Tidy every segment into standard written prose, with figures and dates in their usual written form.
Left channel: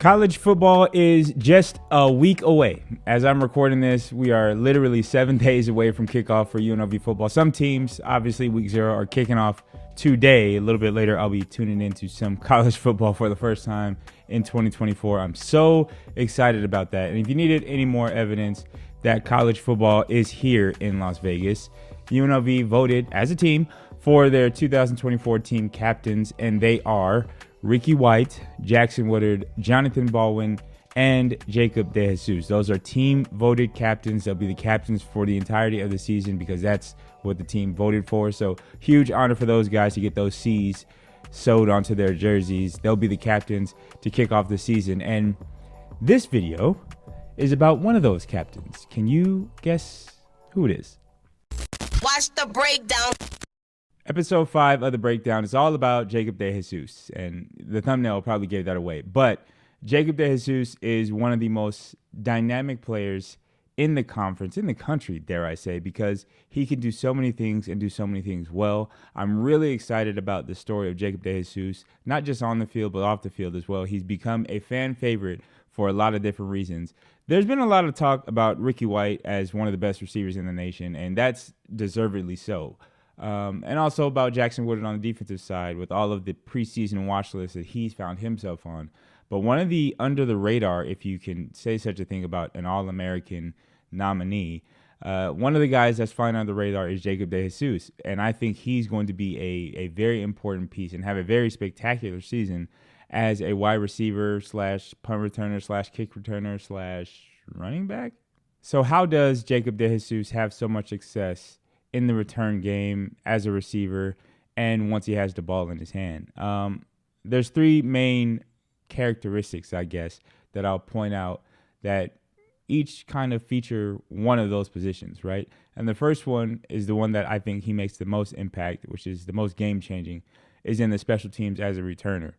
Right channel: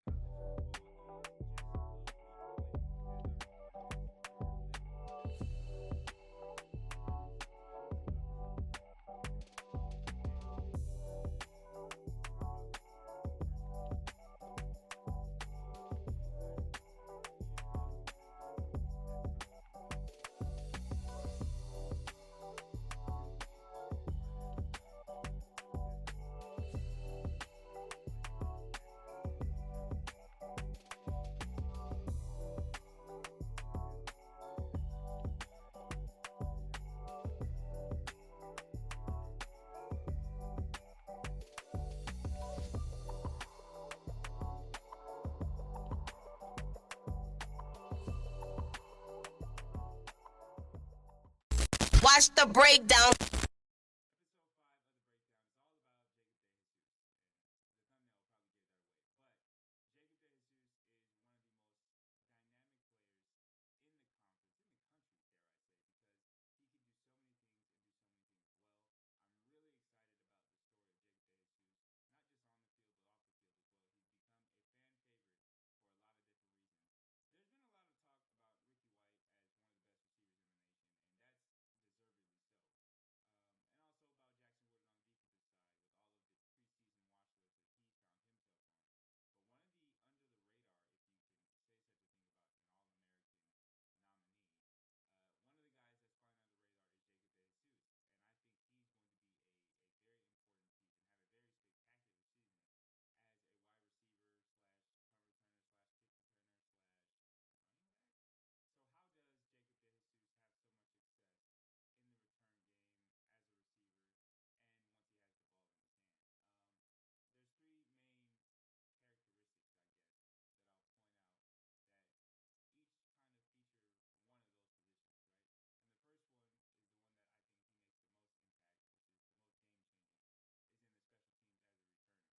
College football is just a week away. As I'm recording this, we are literally 7 days away from kickoff for UNLV football. Some teams, obviously week 0, are kicking off today. A little bit later, I'll be tuning into some college football for the first time in 2024. I'm so excited about that. And if you needed any more evidence that college football is here in Las Vegas, UNLV voted as a team for their 2024 team captains, and they are Ricky White, Jackson Woodard, Jonathan Baldwin, and Jacob DeJesus. Those are team voted captains. They'll be the captains for the entirety of the season because that's what the team voted for. So huge honor for those guys to get those C's sewed onto their jerseys. They'll be the captains to kick off the season. And this video is about one of those captains. Can you guess who it is? Watch the breakdown. Episode 5 of The Breakdown is all about Jacob DeJesus, and the thumbnail probably gave that away. But Jacob DeJesus is one of the most dynamic players in the conference, in the country, dare I say, because he can do so many things and do so many things well. I'm really excited about the story of Jacob DeJesus, not just on the field, but off the field as well. He's become a fan favorite for a lot of different reasons. There's been a lot of talk about Ricky White as one of the best receivers in the nation, and that's deservedly so. And also about Jackson Woodard on the defensive side with all of the preseason watch lists that he's found himself on. But one of the under the radar, if you can say such a thing about an All-American nominee, one of the guys that's flying under the radar is Jacob DeJesus. And I think he's going to be a very important piece and have a very spectacular season as a wide receiver slash punt returner slash kick returner slash running back. So how does Jacob DeJesus have so much success in the return game as a receiver and once he has the ball in his hand? There's 3 main characteristics, I guess, that I'll point out that each kind of feature one of those positions, right? And the first one is the one that I think he makes the most impact, which is the most game-changing, is in the special teams as a returner.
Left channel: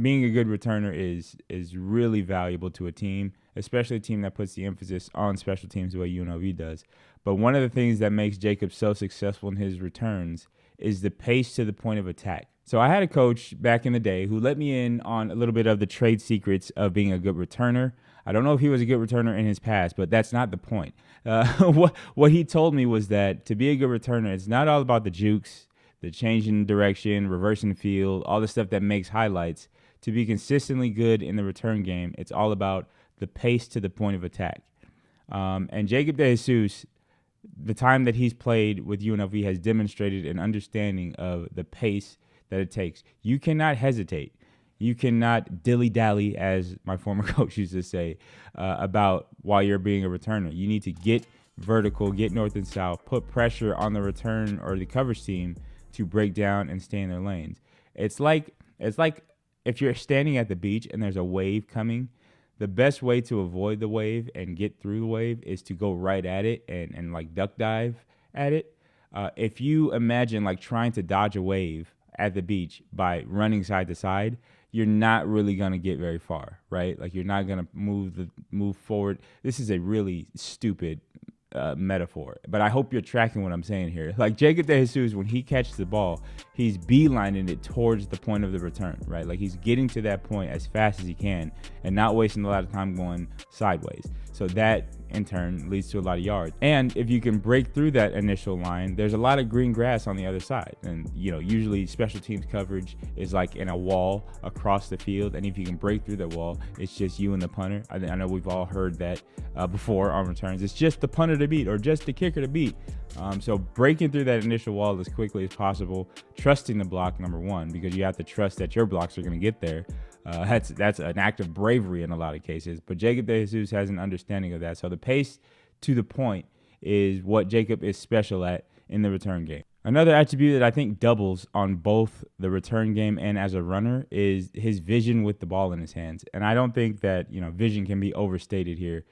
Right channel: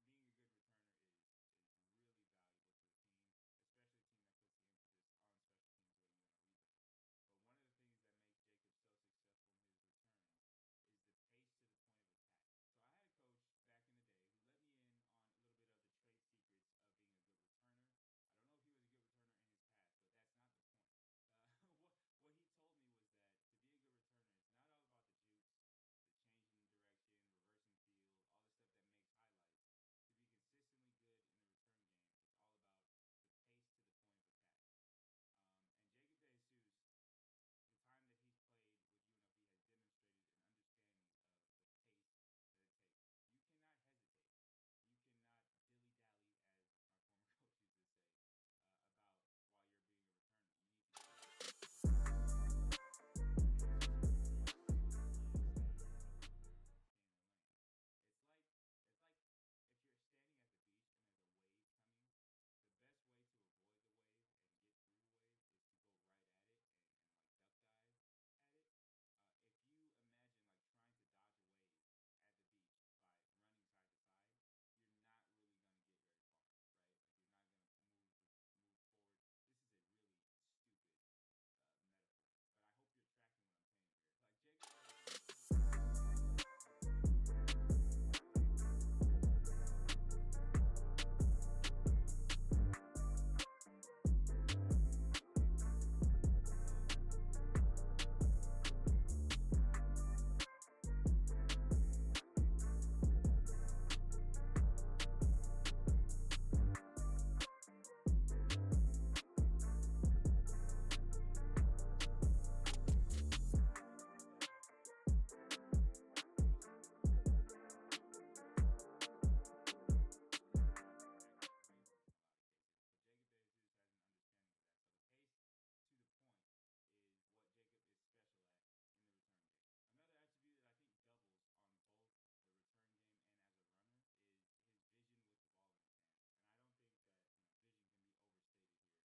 Being a good returner is really valuable to a team, especially a team that puts the emphasis on special teams the way UNLV does. But one of the things that makes Jacob so successful in his returns is the pace to the point of attack. So I had a coach back in the day who let me in on a little bit of the trade secrets of being a good returner. I don't know if he was a good returner in his past, but that's not the point. What he told me was that to be a good returner, it's not all about the jukes, the changing direction, reversing field, all the stuff that makes highlights. To be consistently good in the return game, it's all about the pace to the point of attack. And Jacob DeJesus, the time that he's played with UNLV, has demonstrated an understanding of the pace that it takes. You cannot hesitate. You cannot dilly-dally, as my former coach used to say, about while you're being a returner. You need to get vertical, get north and south, put pressure on the return or the coverage team to break down and stay in their lanes. It's like if you're standing at the beach and there's a wave coming, the best way to avoid the wave and get through the wave is to go right at it and like duck dive at it. If you imagine like trying to dodge a wave at the beach by running side to side, you're not really going to get very far, right? Like you're not going to move forward. This is a really stupid metaphor, but I hope you're tracking what I'm saying here. Like Jacob DeJesus, when he catches the ball, he's beelining it towards the point of the return, right? Like he's getting to that point as fast as he can and not wasting a lot of time going sideways. So that in turn leads to a lot of yards. And if you can break through that initial line, there's a lot of green grass on the other side. And usually special teams coverage is like in a wall across the field. And if you can break through that wall, it's just you and the punter. I know we've all heard that before on returns. It's just the punter to beat or just the kicker to beat. So breaking through that initial wall as quickly as possible, trusting the block, number one, because you have to trust that your blocks are going to get there. That's an act of bravery in a lot of cases. But Jacob DeJesus has an understanding of that. So the pace to the point is what Jacob is special at in the return game. Another attribute that I think doubles on both the return game and as a runner is his vision with the ball in his hands. And I don't think that vision can be overstated here.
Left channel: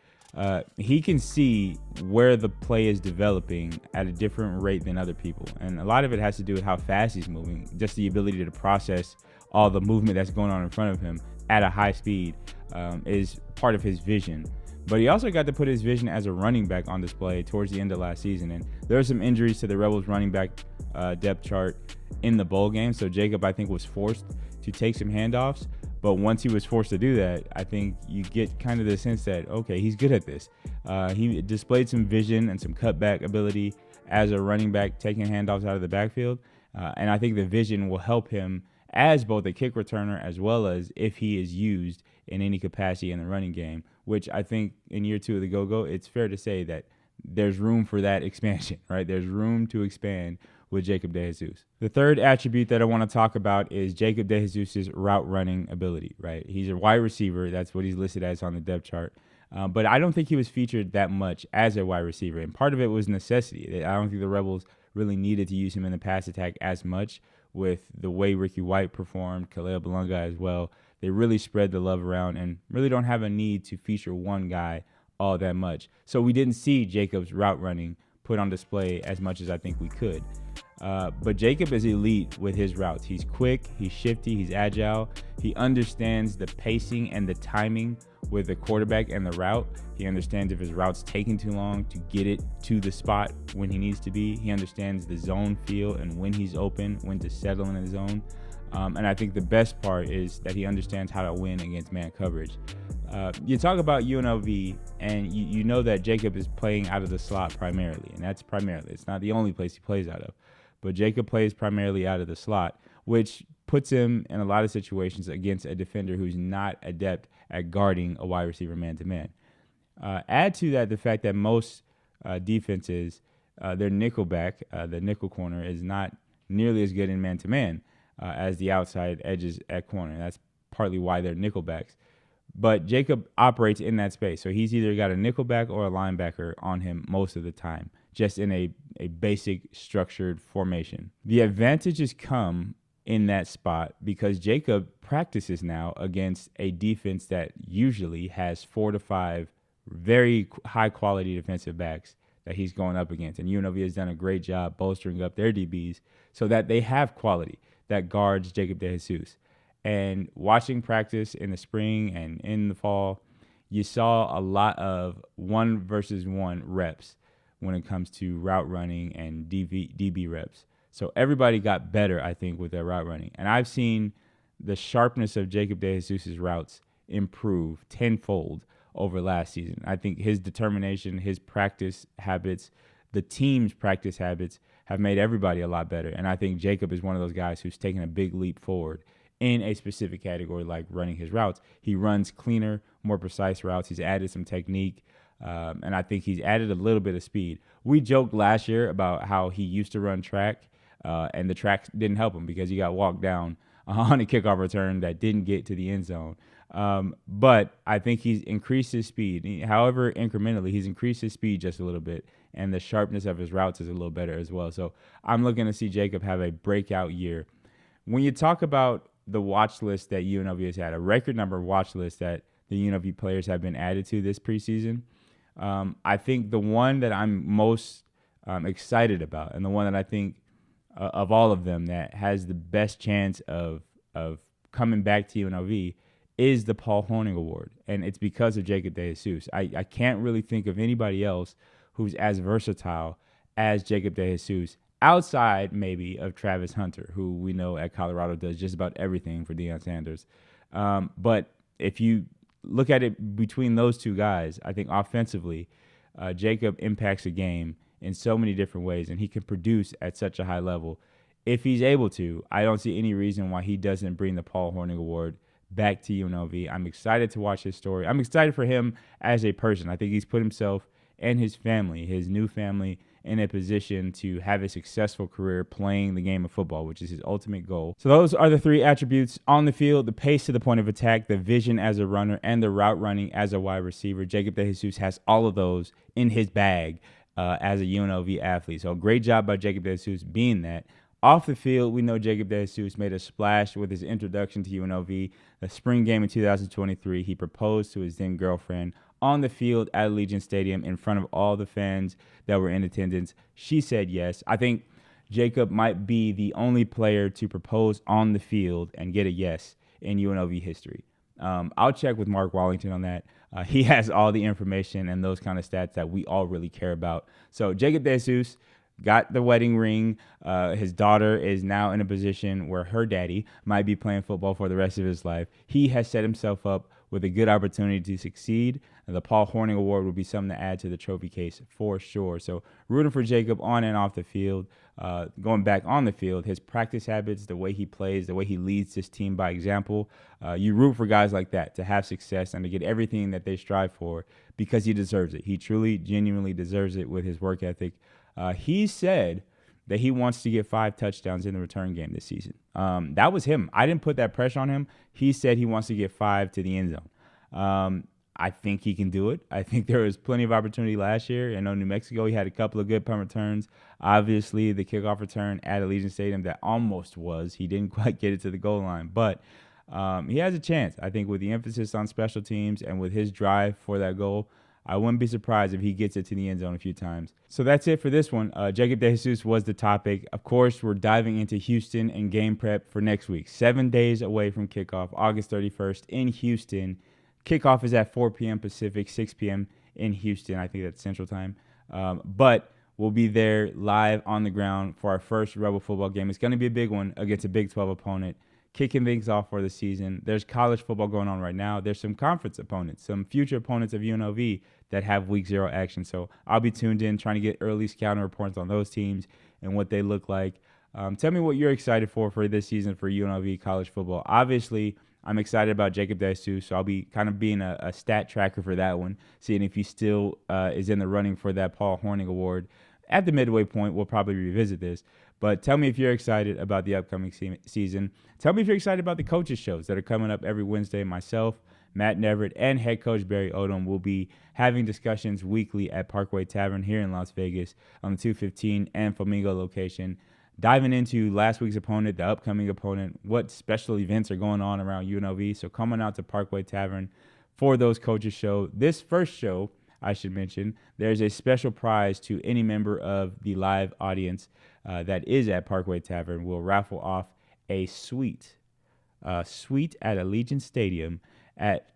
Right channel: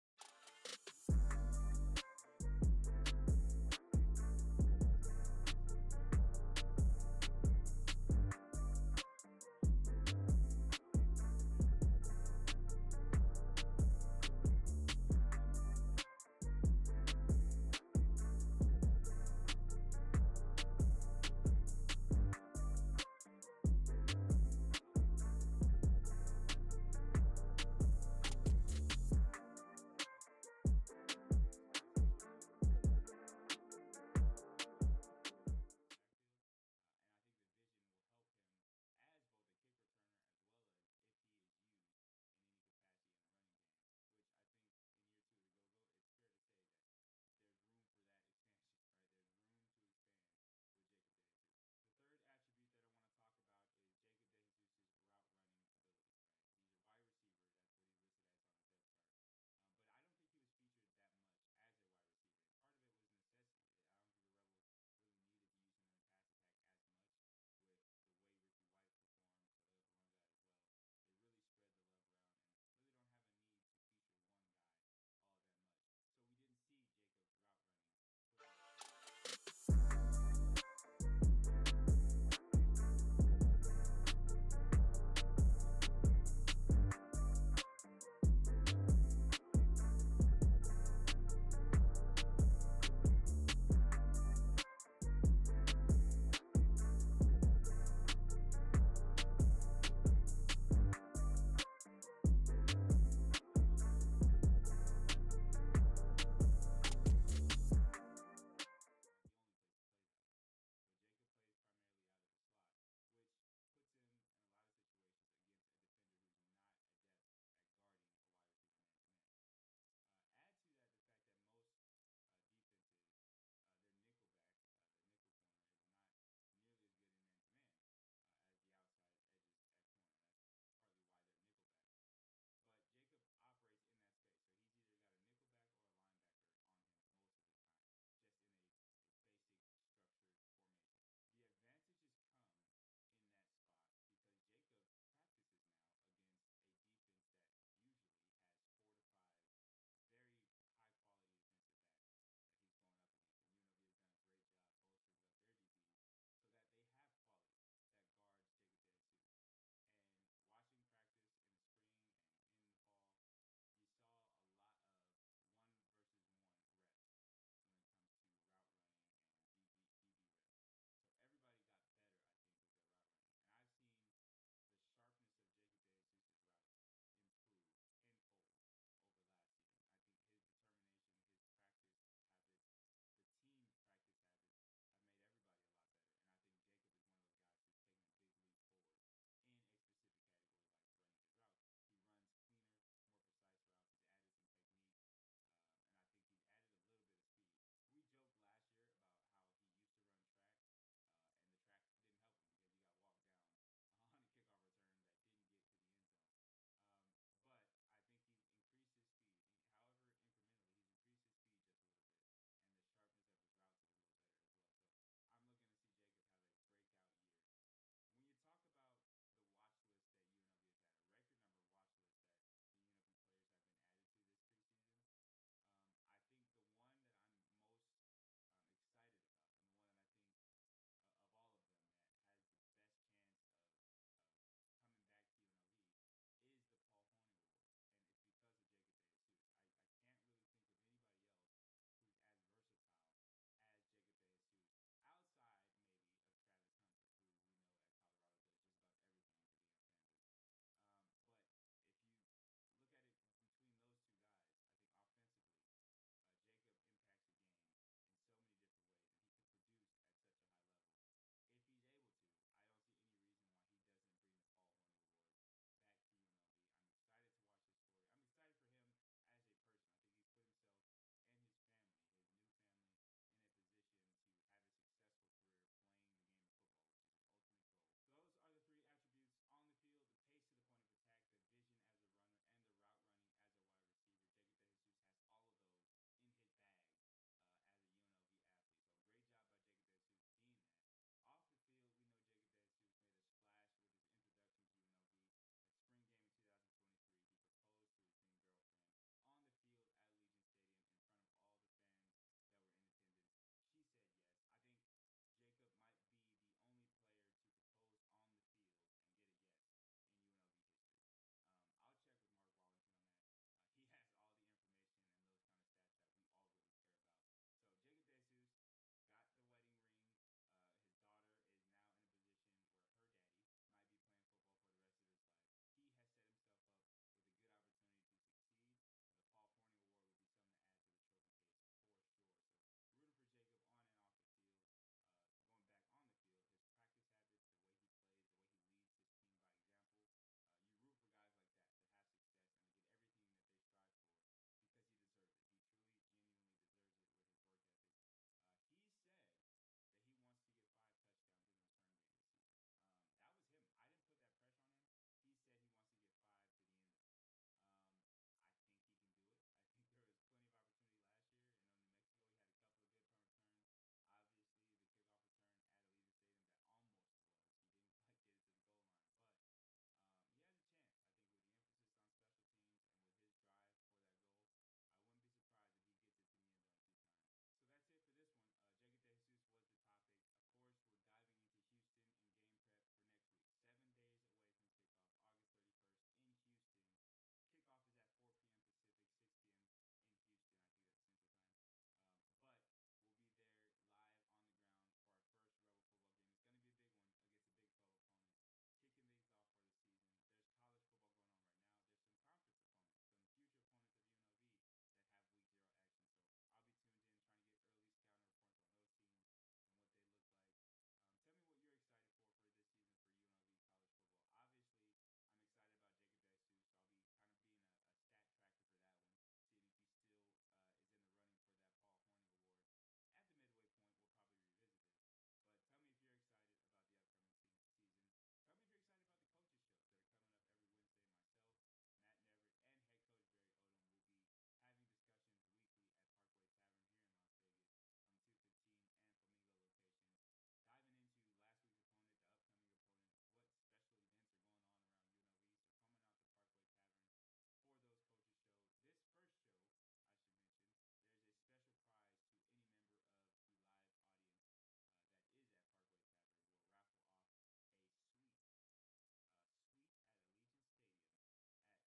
He can see where the play is developing at a different rate than other people. And a lot of it has to do with how fast he's moving, just the ability to process all the movement that's going on in front of him at a high speed is part of his vision. But he also got to put his vision as a running back on display towards the end of last season. And there were some injuries to the Rebels running back depth chart in the bowl game. So Jacob, I think, was forced to take some handoffs. But once he was forced to do that, I think you get kind of the sense that, okay, he's good at this. He displayed some vision and some cutback ability as a running back, taking handoffs out of the backfield. And I think the vision will help him as both a kick returner as well as if he is used in any capacity in the running game, which I think in year 2 of the Go-Go, it's fair to say that there's room for that expansion, right? There's room to expand with Jacob DeJesus. The third attribute that I want to talk about is Jacob DeJesus' route running ability, right? He's a wide receiver. That's what he's listed as on the depth chart. But I don't think he was featured that much as a wide receiver. And part of it was necessity. I don't think the Rebels really needed to use him in the pass attack as much with the way Ricky White performed, Kalea Balunga as well. They really spread the love around and really don't have a need to feature one guy all that much. So we didn't see Jacob's route running put on display as much as I think we could. But Jacob is elite with his routes. He's quick, he's shifty, he's agile. He understands the pacing and the timing with the quarterback and the route. He understands if his route's taking too long to get it to the spot when he needs to be. He understands the zone feel and when he's open, when to settle in the zone. And I think the best part is that he understands how to win against man coverage. You talk about UNLV, and you know that Jacob is playing out of the slot primarily, and that's primarily. It's not the only place he plays out of. But Jacob plays primarily out of the slot, which puts him in a lot of situations against a defender who's not adept at guarding a wide receiver man-to-man. Add to that the fact that most defenses, their nickelback, the nickel corner, is not nearly as good in man-to-man as the outside edges at corner. That's partly why they're nickelbacks. But Jacob operates in that space. So he's either got a nickelback or a linebacker on him most of the time, just in a basic structured formation. The advantages come in that spot because Jacob practices now against a defense that usually has 4 to 5 very high quality defensive backs that he's going up against. And UNLV has done a great job bolstering up their DBs so that they have quality that guards Jacob DeJesus. And watching practice in the spring and in the fall, you saw a lot of 1-versus-1 reps when it comes to route running and DB reps. So everybody got better, I think, with their route running. And I've seen the sharpness of Jacob DeJesus' routes improve tenfold over last season. I think his determination, his practice habits, the team's practice habits have made everybody a lot better. And I think Jacob is one of those guys who's taken a big leap forward in a specific category like running his routes. He runs cleaner, more precise routes. He's added some technique. And I think he's added a little bit of speed. We joked last year about how he used to run track, and the track didn't help him because he got walked down on a kickoff return that didn't get to the end zone. But I think he's increased his speed. However, incrementally, he's increased his speed just a little bit, and the sharpness of his routes is a little better as well. So I'm looking to see Jacob have a breakout year. When you talk about the watch list that UNLV has had, a record number of watch lists that the UNLV players have been added to this preseason, I think the one that I'm most excited about, and the one that I think of all of them that has the best chance of coming back to UNLV is the Paul Hornung Award, and it's because of Jacob DeJesus. I can't really think of anybody else who's as versatile as Jacob DeJesus, outside maybe of Travis Hunter, who we know at Colorado does just about everything for Deion Sanders. But if you look at it between those two guys, I think offensively, Jacob impacts a game in so many different ways, and he can produce at such a high level. If he's able to, I don't see any reason why he doesn't bring the Paul Hornung Award back to UNLV. I'm excited to watch his story. I'm excited for him as a person. I think he's put himself and his family, his new family, in a position to have a successful career playing the game of football, which is his ultimate goal. So those are the 3 attributes on the field: the pace to the point of attack, the vision as a runner, and the route running as a wide receiver. Jacob DeJesus has all of those in his bag as a UNLV athlete. So great job by Jacob DeJesus being that. Off the field, we know Jacob DeJesus made a splash with his introduction to UNLV. The spring game in 2023, he proposed to his then girlfriend on the field at Allegiant Stadium in front of all the fans that were in attendance. She said yes. I think Jacob might be the only player to propose on the field and get a yes in UNLV history. I'll check with Mark Wallington on that. He has all the information and those kind of stats that we all really care about. So Jacob DeJesus, got the wedding ring. His daughter is now in a position where her daddy might be playing football for the rest of his life. He has set himself up with a good opportunity to succeed. And the Paul Hornung Award will be something to add to the trophy case for sure. So rooting for Jacob on and off the field. Going back on the field, his practice habits, the way he plays, the way he leads this team by example. You root for guys like that to have success and to get everything that they strive for because he deserves it. He truly, genuinely deserves it with his work ethic. He said that he wants to get 5 touchdowns in the return game this season. That was him. I didn't put that pressure on him. He said he wants to get 5 to the end zone. I think he can do it. I think there was plenty of opportunity last year. I know New Mexico, he had a couple of good punt returns. Obviously, the kickoff return at Allegiant Stadium, that almost was. He didn't quite get it to the goal line. But he has a chance. I think with the emphasis on special teams and with his drive for that goal, I wouldn't be surprised if he gets it to the end zone a few times. So that's it for this one. Jacob DeJesus was the topic. Of course, we're diving into Houston and game prep for next week. 7 days away from kickoff, August 31st in Houston. Kickoff is at 4 p.m. Pacific, 6 p.m. in Houston. I think that's Central Time. But we'll be there live on the ground for our first Rebel football game. It's going to be a big one against a Big 12 opponent, kicking things off for the season. There's college football going on right now. There's some conference opponents, some future opponents of UNLV that have week 0 action. So I'll be tuned in, trying to get early scouting reports on those teams and what they look like. Tell me what you're excited for this season for UNLV college football. Obviously, I'm excited about Jacob DeJesus, so I'll be kind of being a stat tracker for that one, seeing if he still is in the running for that Paul Hornung Award. At the midway point, we'll probably revisit this. But tell me if you're excited about the upcoming season. Tell me if you're excited about the coaches shows that are coming up every Wednesday. Myself, Matt Neverett, and head coach Barry Odom will be having discussions weekly at Parkway Tavern here in Las Vegas on the 215 and Flamingo location, diving into last week's opponent, the upcoming opponent, what special events are going on around UNLV. So coming out to Parkway Tavern for those coaches show. This first show, I should mention, there's a special prize to any member of the live audience that is at Parkway Tavern. We'll raffle off a suite at Allegiant Stadium at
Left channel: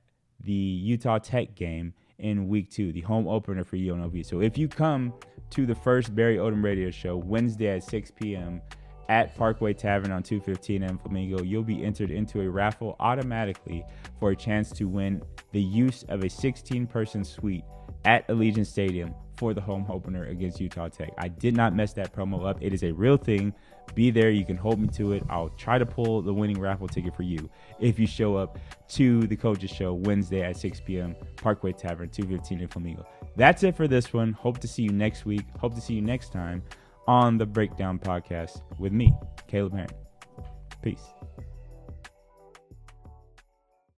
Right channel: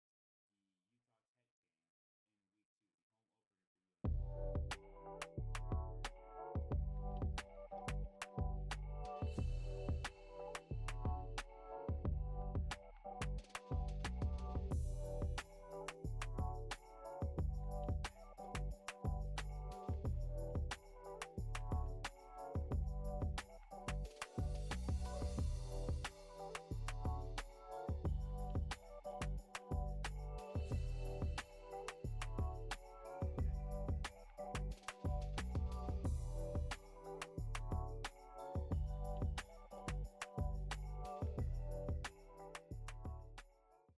the Utah Tech game in week 2, the home opener for UNLV. So if you come to the first Barry Odom radio show Wednesday at 6 p.m. at Parkway Tavern on 215 and Flamingo, you'll be entered into a raffle automatically for a chance to win the use of a 16-person suite at Allegiant Stadium for the home opener against Utah Tech. I did not mess that promo up. It is a real thing. Be there. You can hold me to it. I'll try to pull the winning raffle ticket for you if you show up to the coaches show Wednesday at 6 p.m. Parkway Tavern, 215 in Flamingo. That's it for this one. Hope to see you next week. Hope to see you next time on the Breakdown Podcast with me, Caleb Heron. Peace.